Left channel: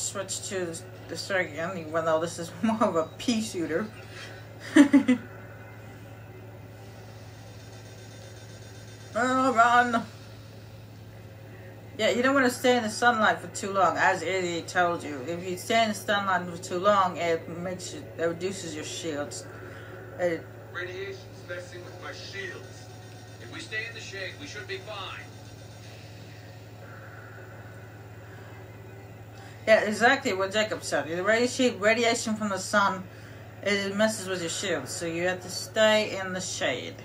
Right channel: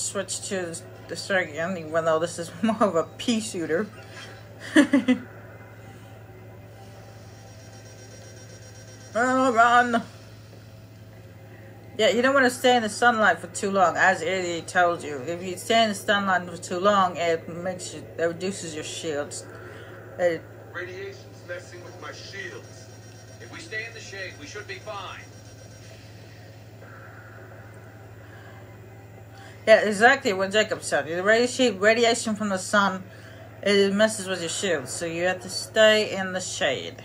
switch to the strike again, even though this is more of a pea shooter. Oh, run! Yeah, you don't want to stay in the sunlight for too long, as Eddie told you. If you stay in the sunlight for too long, it reduces your shields. Radiation's messing with my shields. If we stay in the shade, we should be fine. Yeah, exactly what Jacob said. The radiation from the sun, it messes with your shields, so you have to stay in the shade.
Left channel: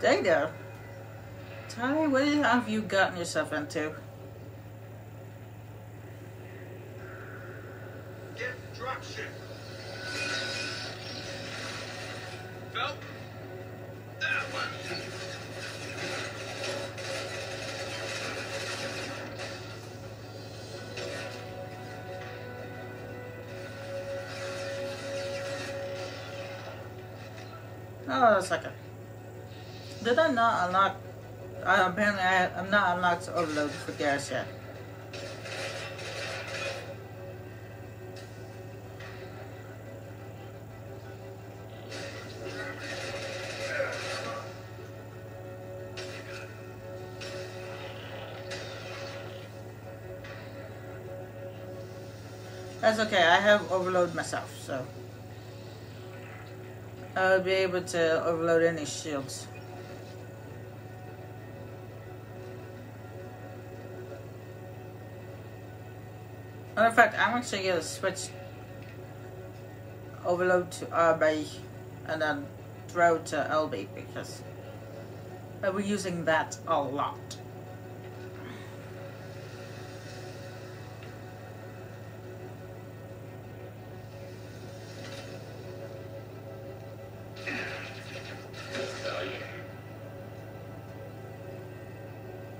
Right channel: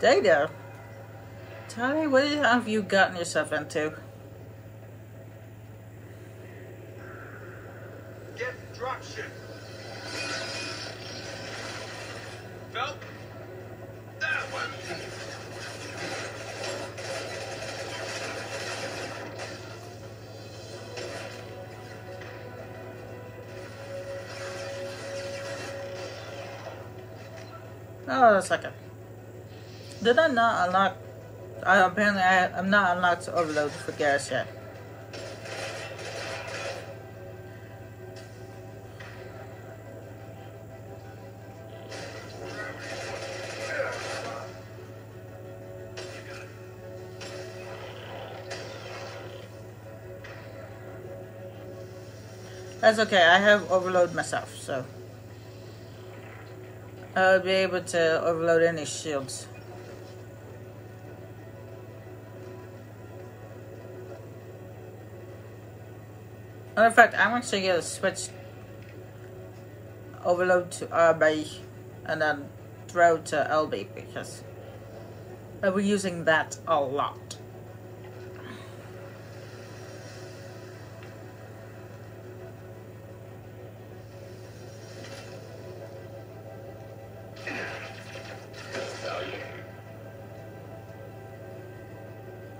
Data? Tali, what have you gotten yourself into? Get dropship. Felt? That one. Oh, a second. Did I not unlock? Apparently, I'm not unlocked overload for Garrus yet. That's okay. I have overload myself, so I'll be able to overload any shields. Matter of fact, I'm actually going to switch overload to RB and then throw to LB because I'll be using that a lot.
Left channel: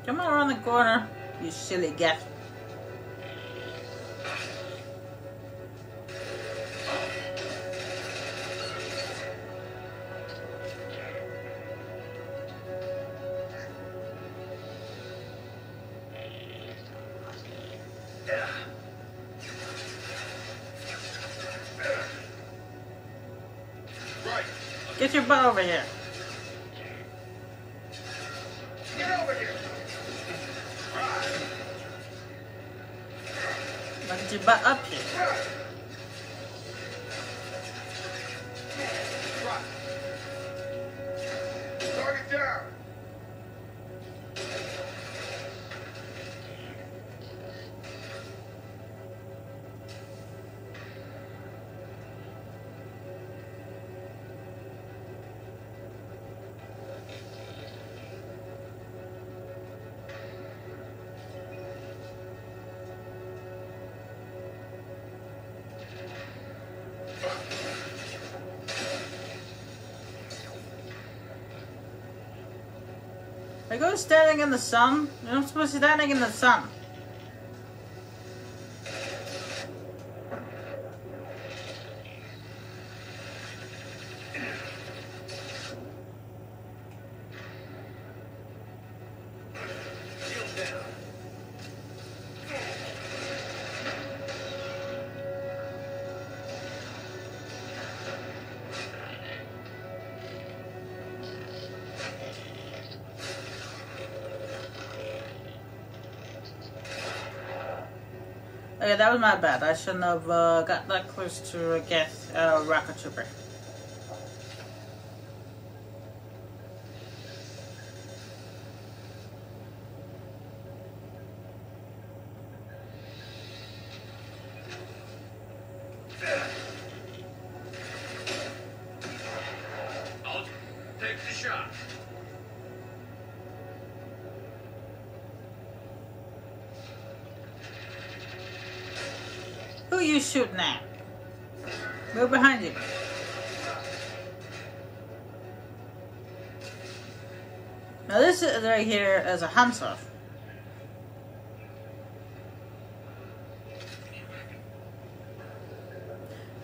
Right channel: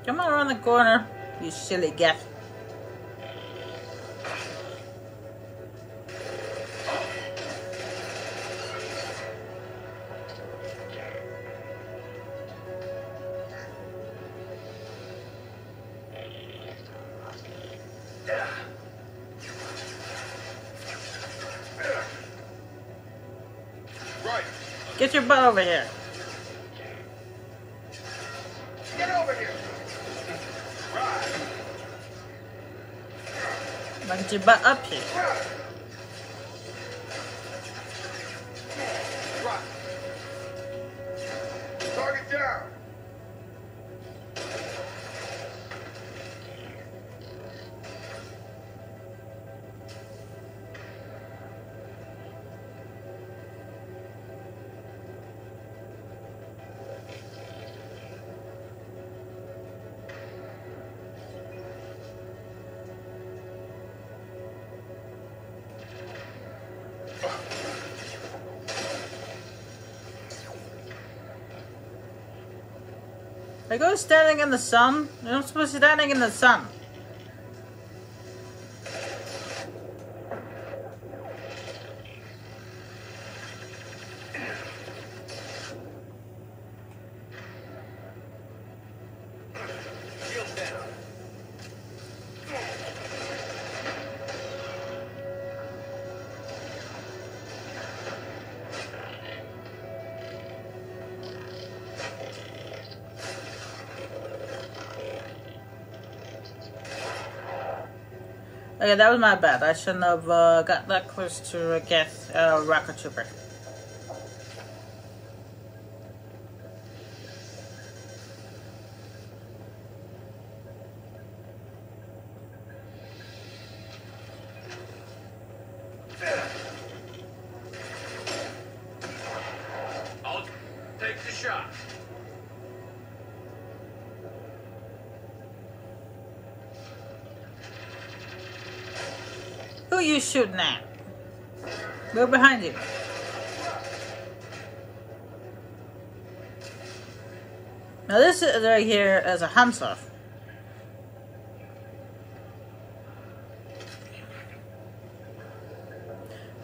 Come on around the corner, you silly Geth. Get your butt over here. Get over here. Get your butt up here. Target down. I go standing in the sun. You're not supposed to be standing in the sun. Shield down. Okay, that was my bad. I shouldn't have got that close to a Geth rocket trooper. I'll take the shot. Who are you shooting at? Go behind you. Now this is right here as a Hansa.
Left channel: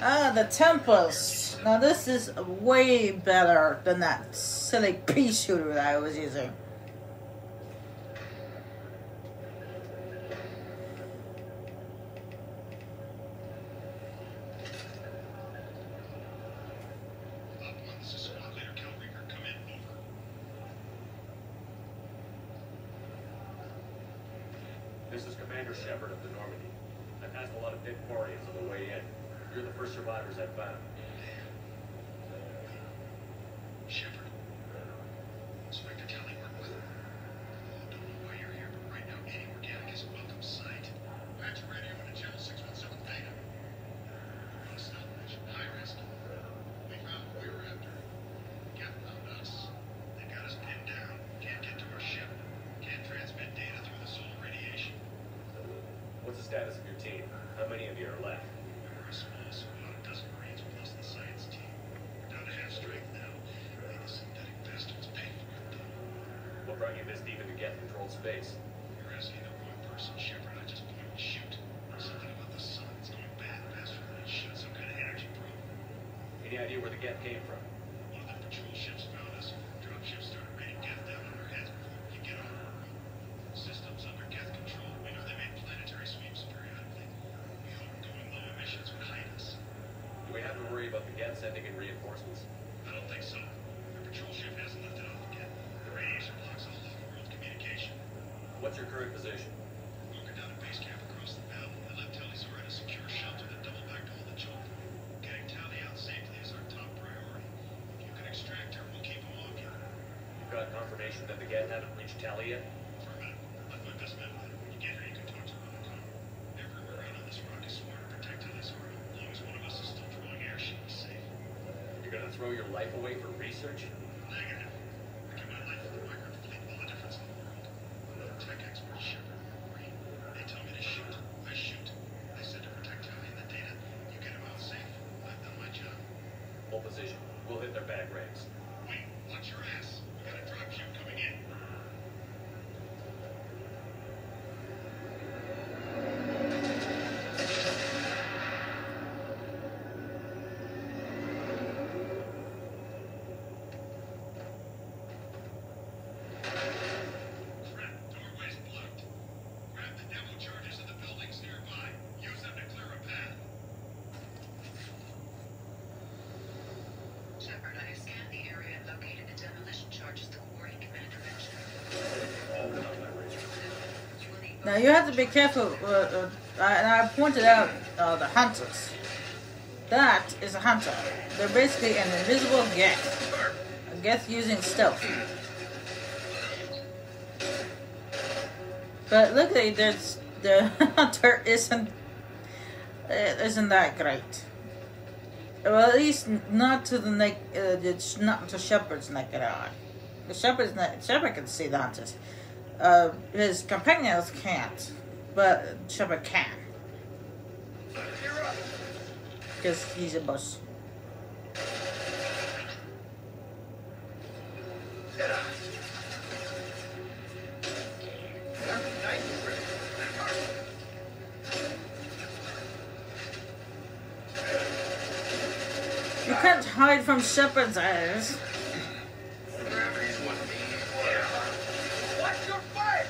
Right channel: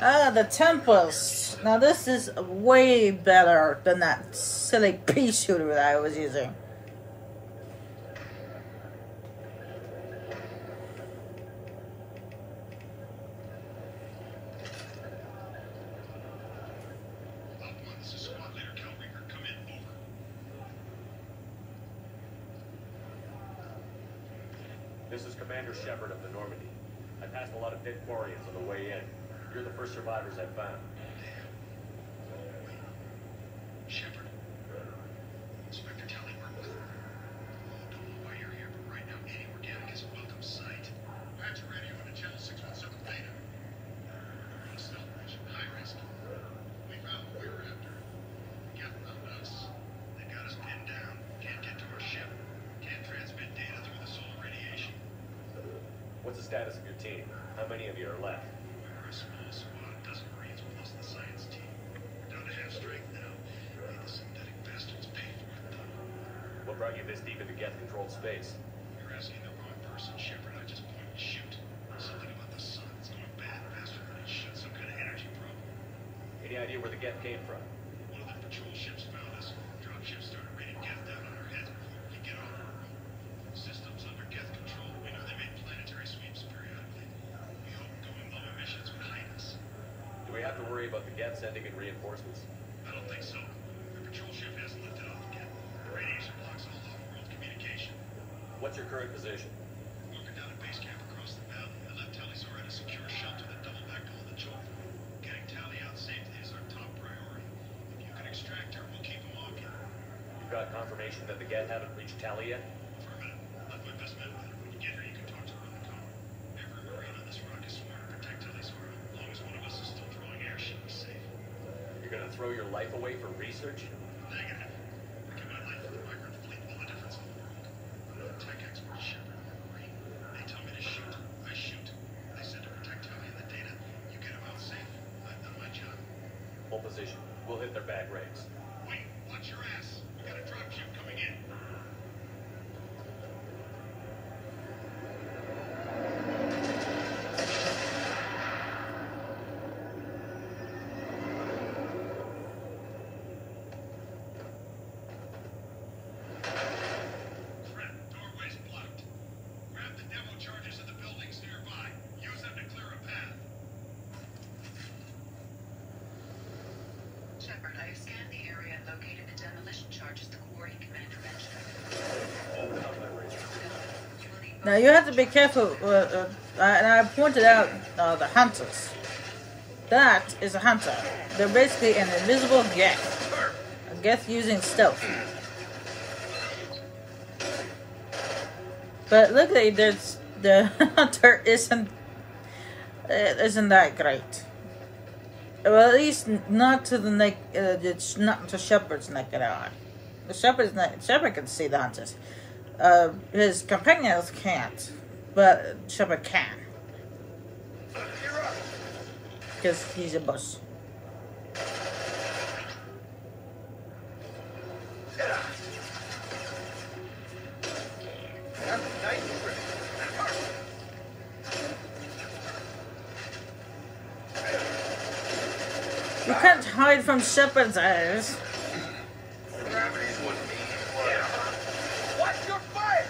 Oh, the temples. Now this is way better than that silly pea shooter that I was using. This is Commander Shepard of the Normandy. I passed a lot of dead Quarians on the way in. You're the first survivors I've found. Shepard. Inspector Tali worked with him. Don't know why you're here, but right now any organic is a welcome sight. Patch your radio into channel 617 Theta. On a stealth mission, high risk. We found what we were after. Geth found us. They got us pinned down. Can't get to our ship. Can't transmit data through the solar radiation. What's the status of your team? How many of you are left? We're a small squad, a dozen Marines with us in the science team. We're down to half strength now. May the synthetic bastards pay for it, though. What brought you this deep into Geth-controlled space? You're asking the wrong person, Shepard. I just point and shoot. Something about the sun. It's going bad faster than it should. Some kind of energy probe. Any idea where the Geth came from? One of the patrol ships found us. Drug ships started raining Geth down on our heads before we could get on our room. Systems under Geth control. We know they made planetary sweeps periodically. We hope going low emissions would hide us. Do we have to worry about the Geth sending in reinforcements? I don't think so. The patrol ship hasn't lifted off yet. The radiation blocks all off-world communication. What's your current position? We're walking down a base camp across the valley. I left Tali's order to secure a shelter that double back to hold the children. Getting Tali out safely is our top priority. If you can extract her, we'll keep them off you. You've got confirmation that the Geth haven't reached Tali yet? Affirmative. Left my best man with her. When you get her, you can talk to her on the comm. Every Marine on this rock is sworn to protect Tali's order. As long as one of us is still drawing air, she'll be safe. You're gonna throw your life away for research? Negative. I give my life for the migrant fleet, all the difference in the world. I'm a tech expert, Shepard. Marine. They tell me to shoot. I shoot. They said to protect Tali and the data. You get them out safe. I've done my job. Hold position. We'll hit their bad rigs. Wait, watch your ass. We got a dropship coming in. Threat, doorway's blocked. Grab the demo charges in the buildings nearby. Use them to clear a path. Shepard, I have scanned the area and located the demolition charges the quarry commander mentioned. Now you have to be careful, and I pointed out the hunters. That is a hunter. They're basically an invisible Geth. Geth using stealth. But look at it, the hunter isn't that great. Well, at least not to the it's not to Shepard's naked eye. Shepard can see the hunters. His companions can't, but Shepard can. Because he's a boss. You can't hide from Shepard's eyes. Watch your fire!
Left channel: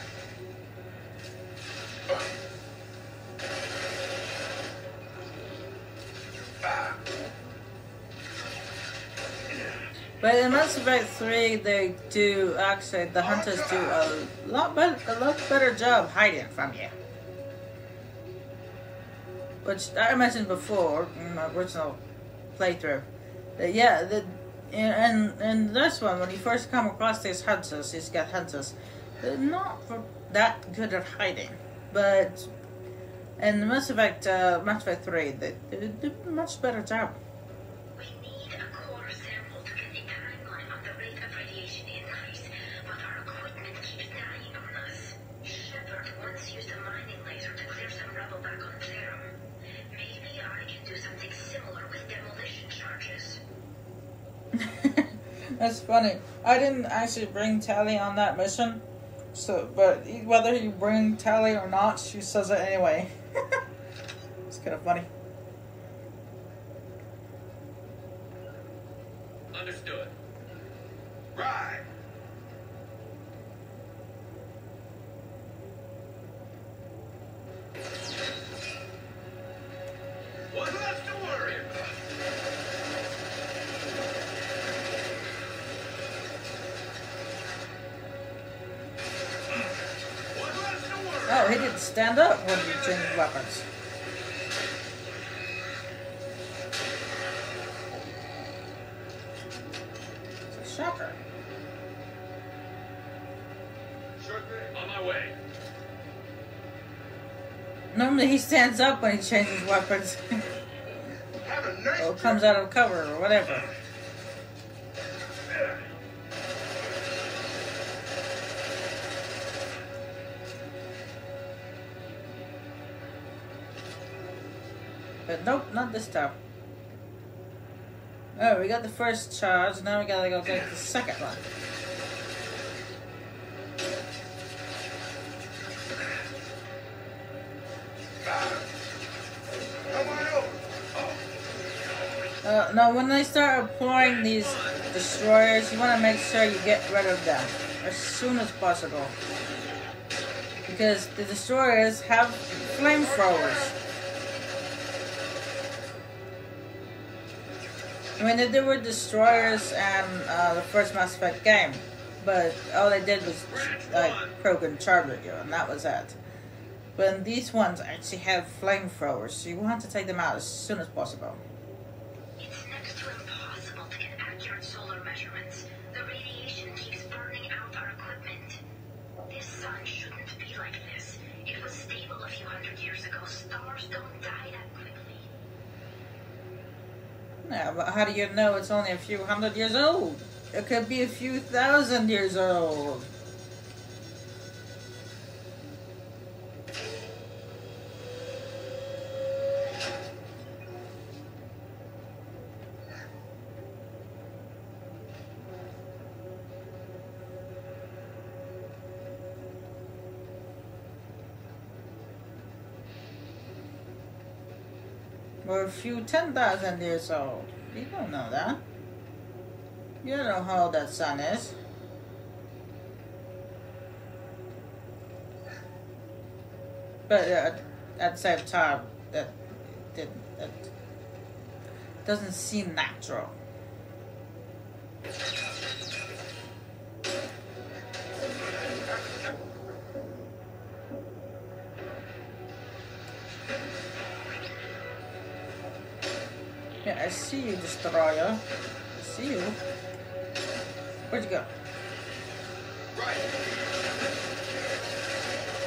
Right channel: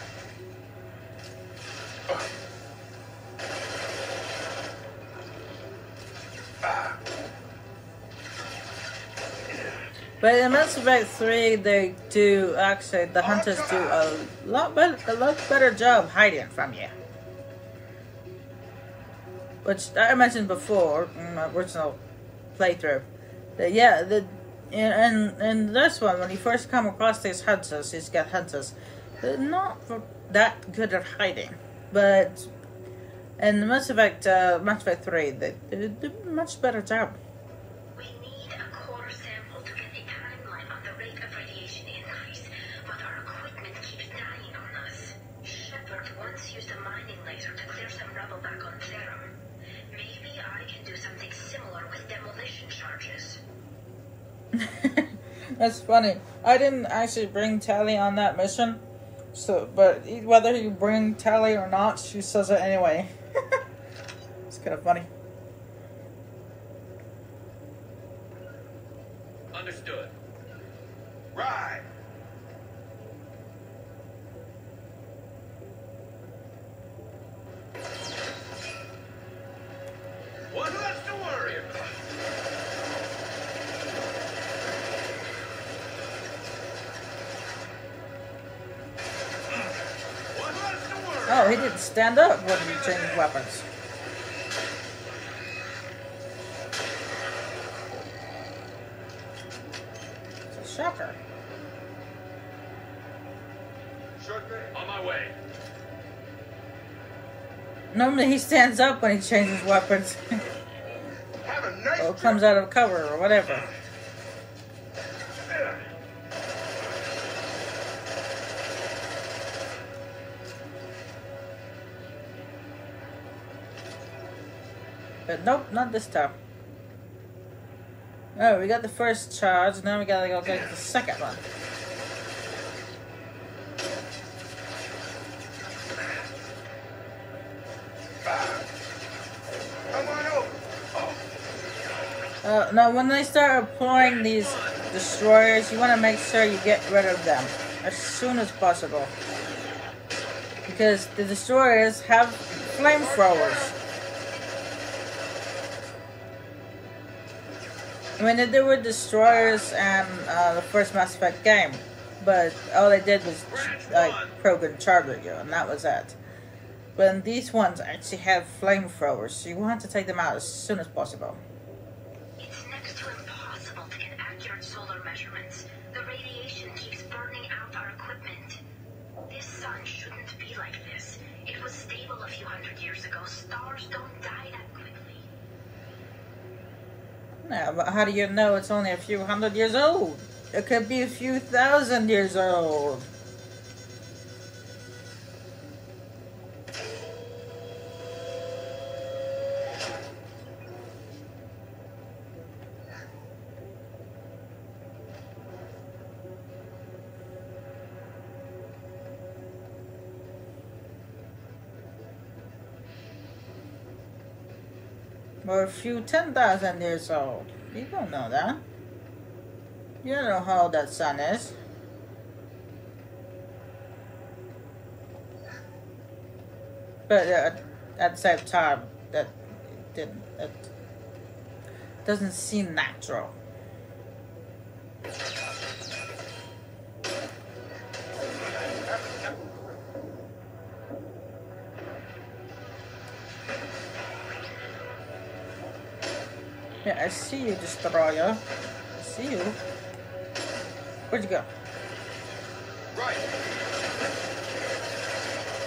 But in Mass Effect 3, they do actually, the hunters do a lot better job hiding from you. Which I mentioned before in my original playthrough. That yeah, in this one, when you first come across these hunters, these Geth hunters, they're not that good at hiding. But in Mass Effect 3, they do a much better job. We need a core sample to get a timeline of the rate of radiation increase, but our equipment keeps dying on us. Shepard once used a mining laser to clear some rubble back on Therum. Maybe I can do something similar with demolition charges. That's funny. I didn't actually bring Tali on that mission, so but whether you bring Tali or not, she says it anyway. It's kind of funny. Understood. Right. What's left to worry about? What's left to worry? Oh, he didn't stand up when he changed weapons. It's a shocker. Sure thing. On my way. Normally he stands up when he changes weapons. Have a nice Or trip. comes out of cover or whatever. But nope, not this time. Oh, we got the first charge, now we gotta go get the second one. Come on over. Now, when they start employing these destroyers, you want to make sure you get rid of them as soon as possible. Because the destroyers have flamethrowers. I mean, they did with destroyers and the first Mass Effect game, but all they did was like program charging you, and that was it. But these ones actually have flamethrowers, so you want to take them out as soon as possible. It's next to impossible to get accurate solar measurements. The radiation keeps burning out our equipment. This sun shouldn't be like this. It was stable a few hundred years ago. Stars don't die that quickly. Yeah, but how do you know it's only a few hundred years old? It could be a few thousand years old. Or a few 10,000 years old. You don't know that. You don't know how old that sun is. But at the same time, that doesn't seem natural. Yeah, I see you, Destroyer. I see you. Where'd you go? Right.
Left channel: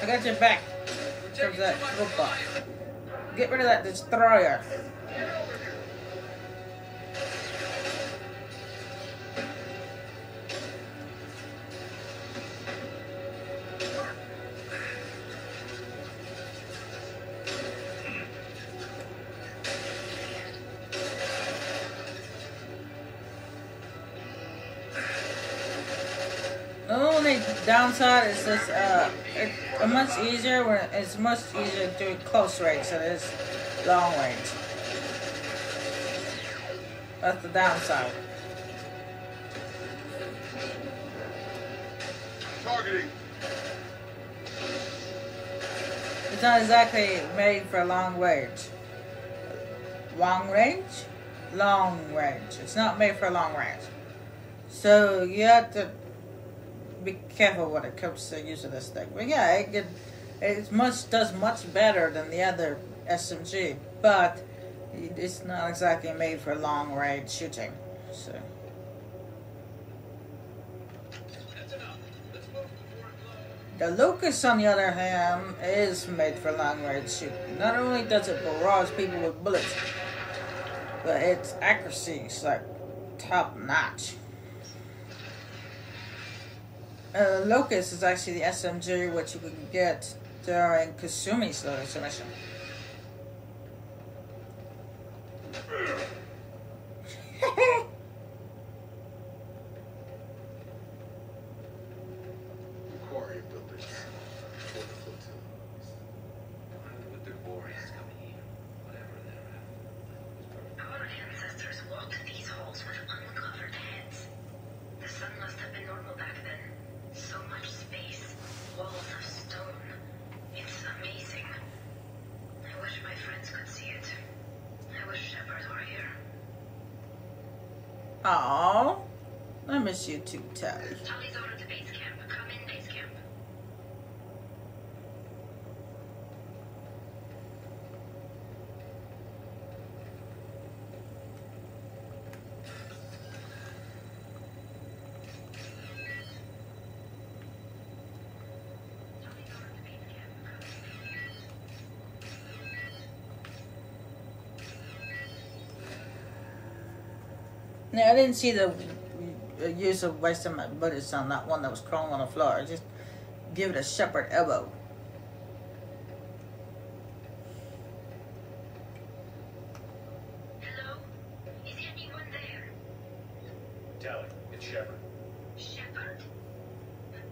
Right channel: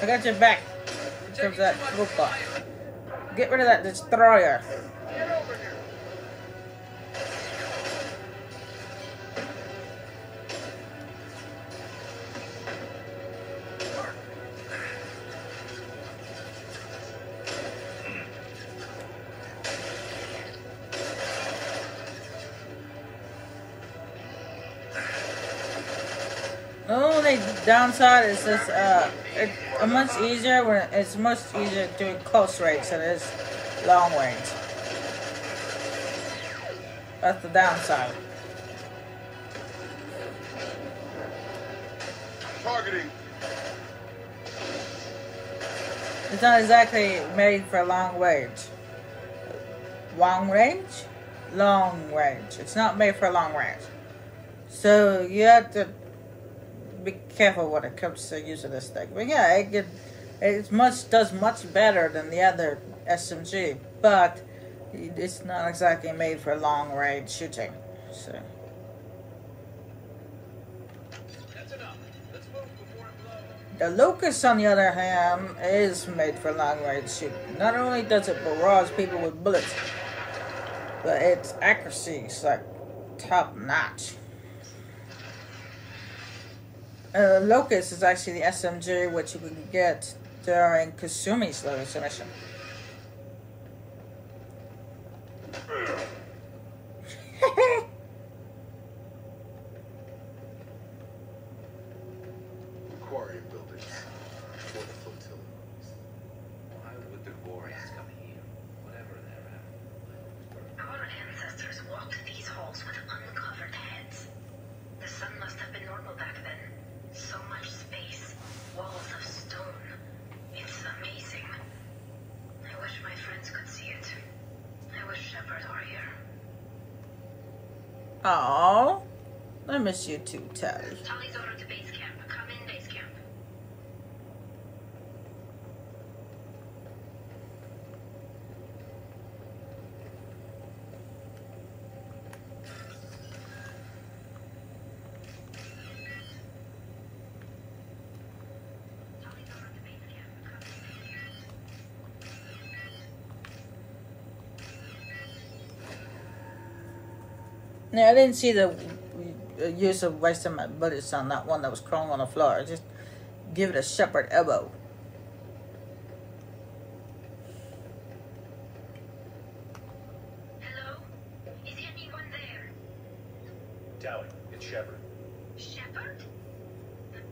I got your back. Towards that robot. Get rid of that Destroyer. Get over here. Only downside is this, it's much easier when it's much easier doing close range than it is long range. That's the downside. Targeting. It's not exactly made for long range. Long range? Long range. It's not made for long range. So you have to be careful when it comes to using this thing. But yeah, does much better than the other SMG, but it's not exactly made for long range shooting. So That's enough. Let's move before it blows. the Locust, on the other hand, is made for long range shooting. Not only does it barrage people with bullets, but its accuracy is like top notch. Locust is actually the SMG which you can get during Kasumi's Locust mission. Aquarium building. For the flotilla. Why would the warriors come here? Whatever they're after. Our ancestors walked these halls with uncovered Oh, I miss you too, Tali. Tali's over to base camp. Come in, base camp. Tali's over to base camp. Come in. Yeah, I didn't see the use of wasting my bullets on that one that was crawling on the floor. Just give it a shepherd elbow. Hello? Is anyone there? Tali, it's Shepard. Shepard?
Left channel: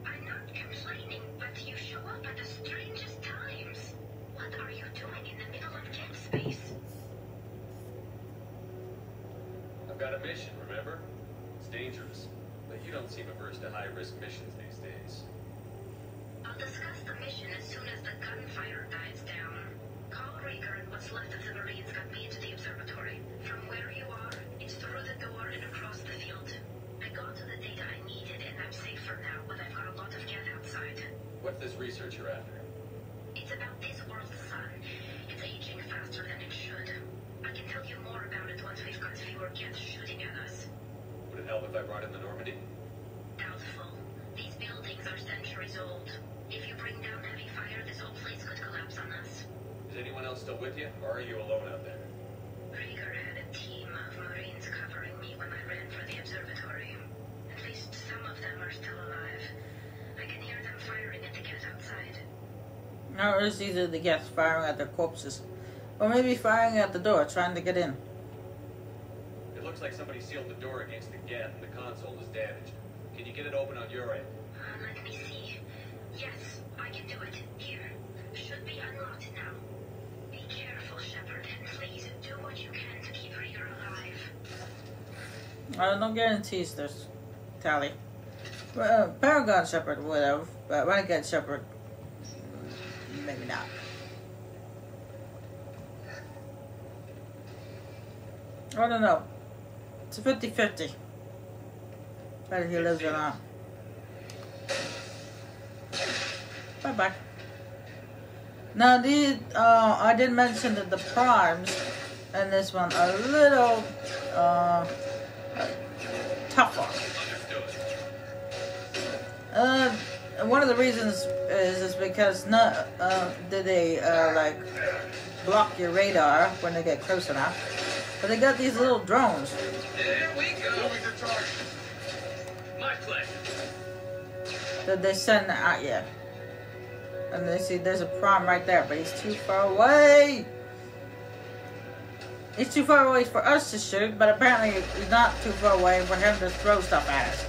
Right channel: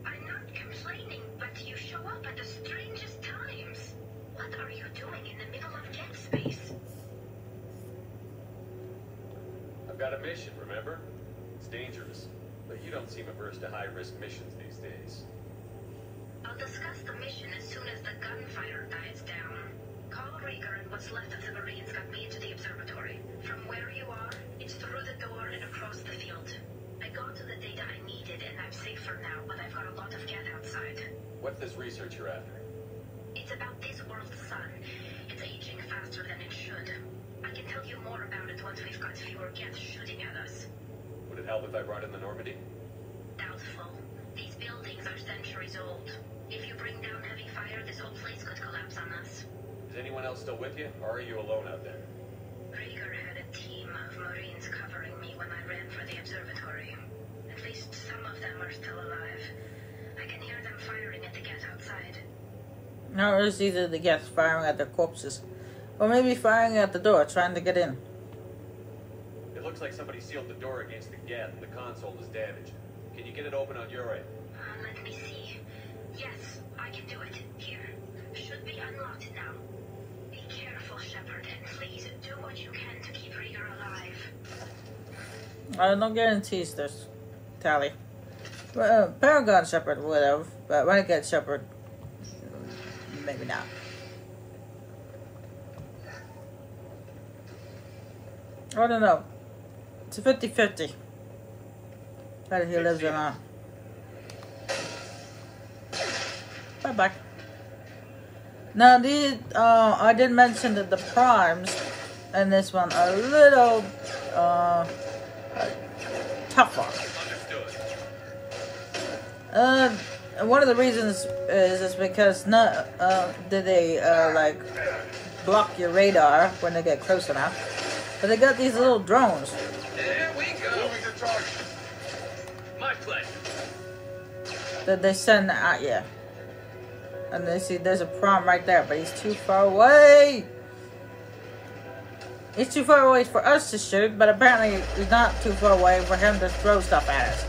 I'm not complaining, but you show up at the strangest times. What are you doing in the middle of Geth space? I've got a mission, remember? It's dangerous, but you don't seem averse to high-risk missions these days. I'll discuss the mission as soon as the gunfire dies down. Call Rieger and what's left of the Marines got me into the observatory. From where you are, it's through the door and across the field. I got to the data I needed and I'm safe for now, but I've got a lot of Geth outside. What's this research you're after? It's about this world's sun. It's aging faster than it should. I can tell you more about it once we've got fewer Geth shooting at us. Would it help if I brought in the Normandy? Doubtful. These buildings are centuries old. If you bring down heavy fire, this whole place could collapse on us. Is anyone else still with you, or are you alone out there? Rieger had a team of Marines covering me when I ran for the observatory. At least some of them are still alive. I can hear them firing at the Geth outside. No, it's either the Geth firing at their corpses, or maybe firing at the door, trying to get in. It looks like somebody sealed the door against the Geth and the console is damaged. Can you get it open on your end? Let me see. Yes, I can do it. Here. Should be unlocked now. Be careful, Shepard, and please do what you can to keep Rieger alive. No guarantees this, Tali. Paragon Shepherd would have, but Renegade Shepherd, maybe not. I don't know. It's a 50-50. Whether he lives or not. Bye-bye. Now, I did mention that the primes in this one are a little tougher. One of the reasons is because not did they like block your radar when they get close enough, but they got these little drones. There we go. Moving to target. My pleasure. That they send at you. And they see there's a prime right there, but he's too far away. He's too far away for us to shoot, but apparently he's not too far away for him to throw stuff at us.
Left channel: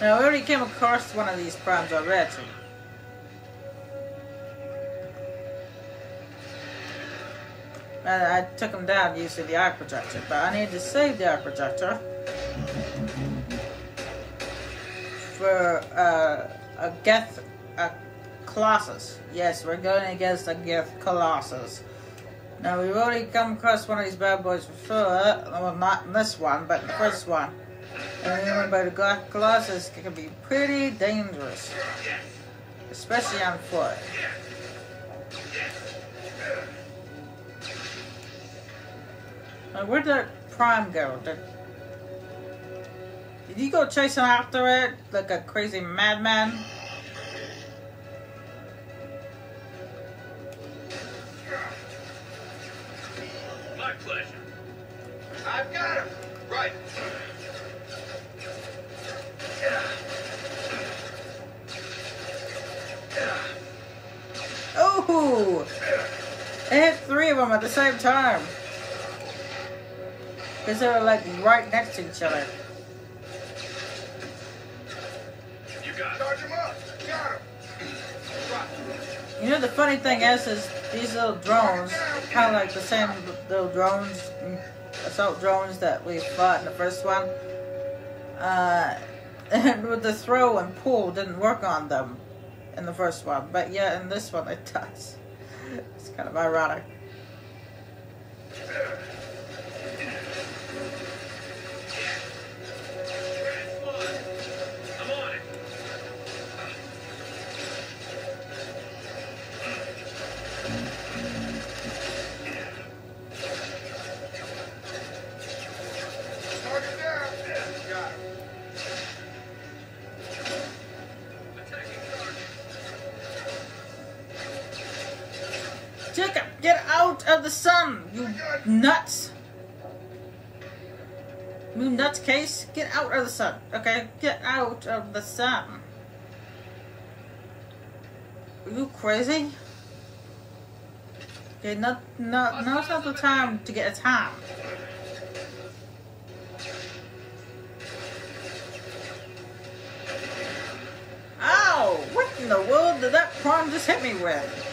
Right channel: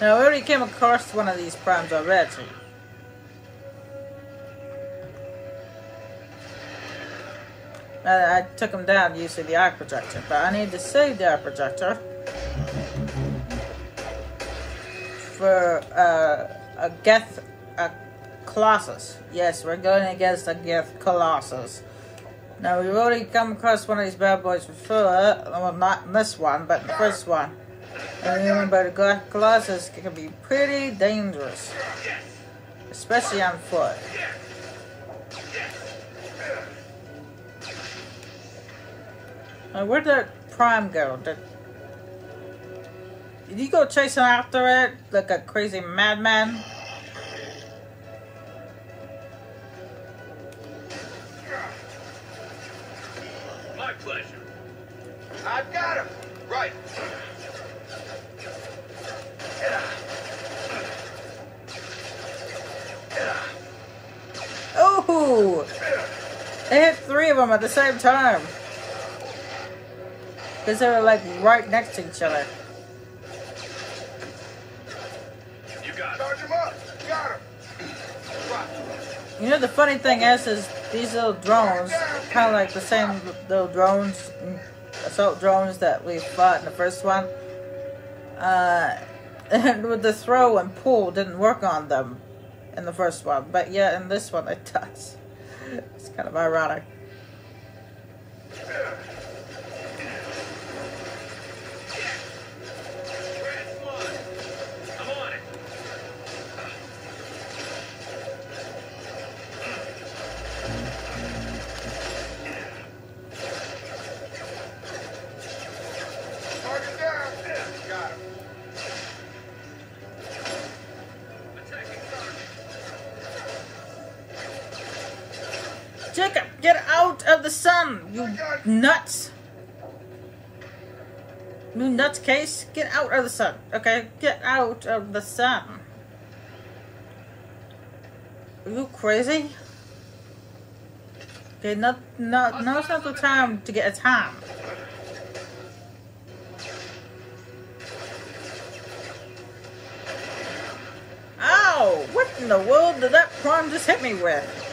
Now, I already came across one of these primes already. And I took him down using the arc projector, but I need to save the arc projector for a Geth Colossus. Yes, we're going against a Geth Colossus. Now, we've already come across one of these bad boys before. Well, not in this one, but the first one. But the Colossus can be pretty dangerous, especially on foot. Now, where'd the prime go? Did you go chasing after it like a crazy madman? My pleasure. I've got him. Right. Oh, It hit 3 of them at the same time. Because they were like right next to each other. You got it. Charge him up. Got him. Right. You know, the funny thing is these little drones, kind of like the same little drones, assault drones that we fought in the first one. And with the throw and pull didn't work on them in the first one, but yeah, in this one it does. It's kind of ironic. I'm on it. Target down. Got him. Attacking target. Jacob, get out of the sun, you nuts! You nutcase, get out of the sun. Okay, get out of the sun. Are you crazy? Okay, now's not the time to get attacked. Ow! What in the world did that prawn just hit me with?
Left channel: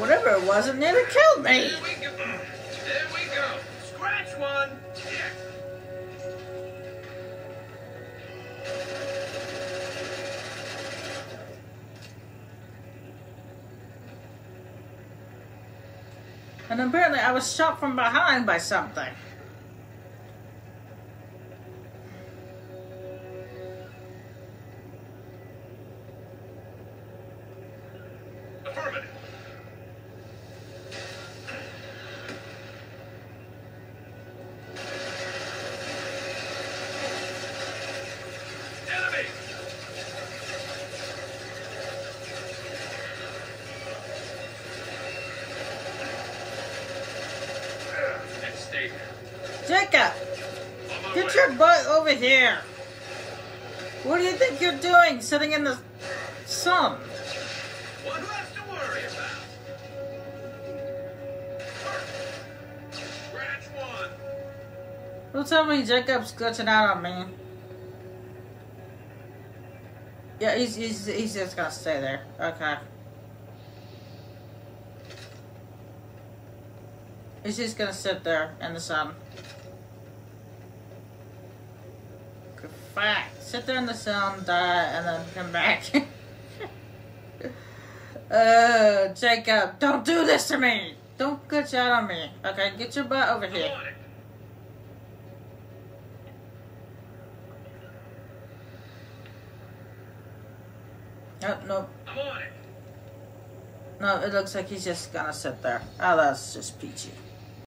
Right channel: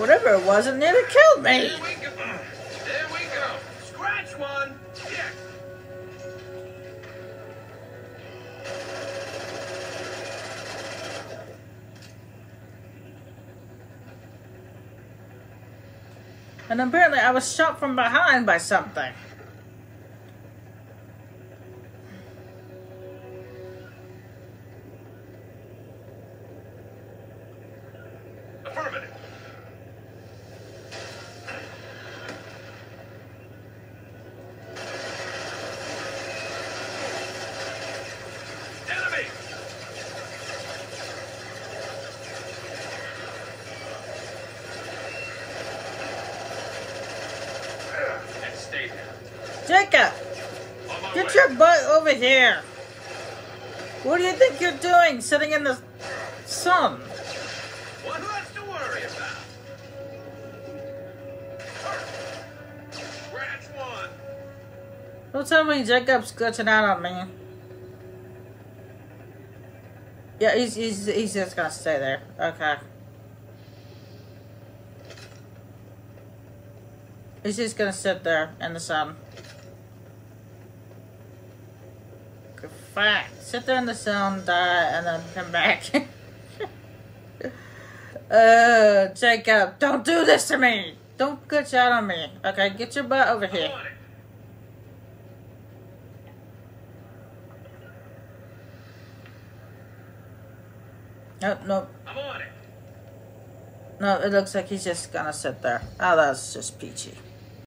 Whatever it was, it nearly killed me. There we go. There we go. Scratch one. Yeah. And apparently I was shot from behind by something. Affirmative. Enemy. And stay there. Jacob, On my get way. your butt over here. What do you think you're doing sitting in the sun? One less to worry about. Scratch one. Don't tell me Jacob's glitching out on me. Yeah, he's just gonna stay there. Okay. He's just gonna sit there in the sun. Fine. Sit there in the sun, die, and then come back. Jacob, don't do this to me! Don't glitch out on me. Okay, get your butt over I'm here. on it. Nope, nope. I'm on it. No, it looks like he's just gonna sit there. Oh, that's just peachy.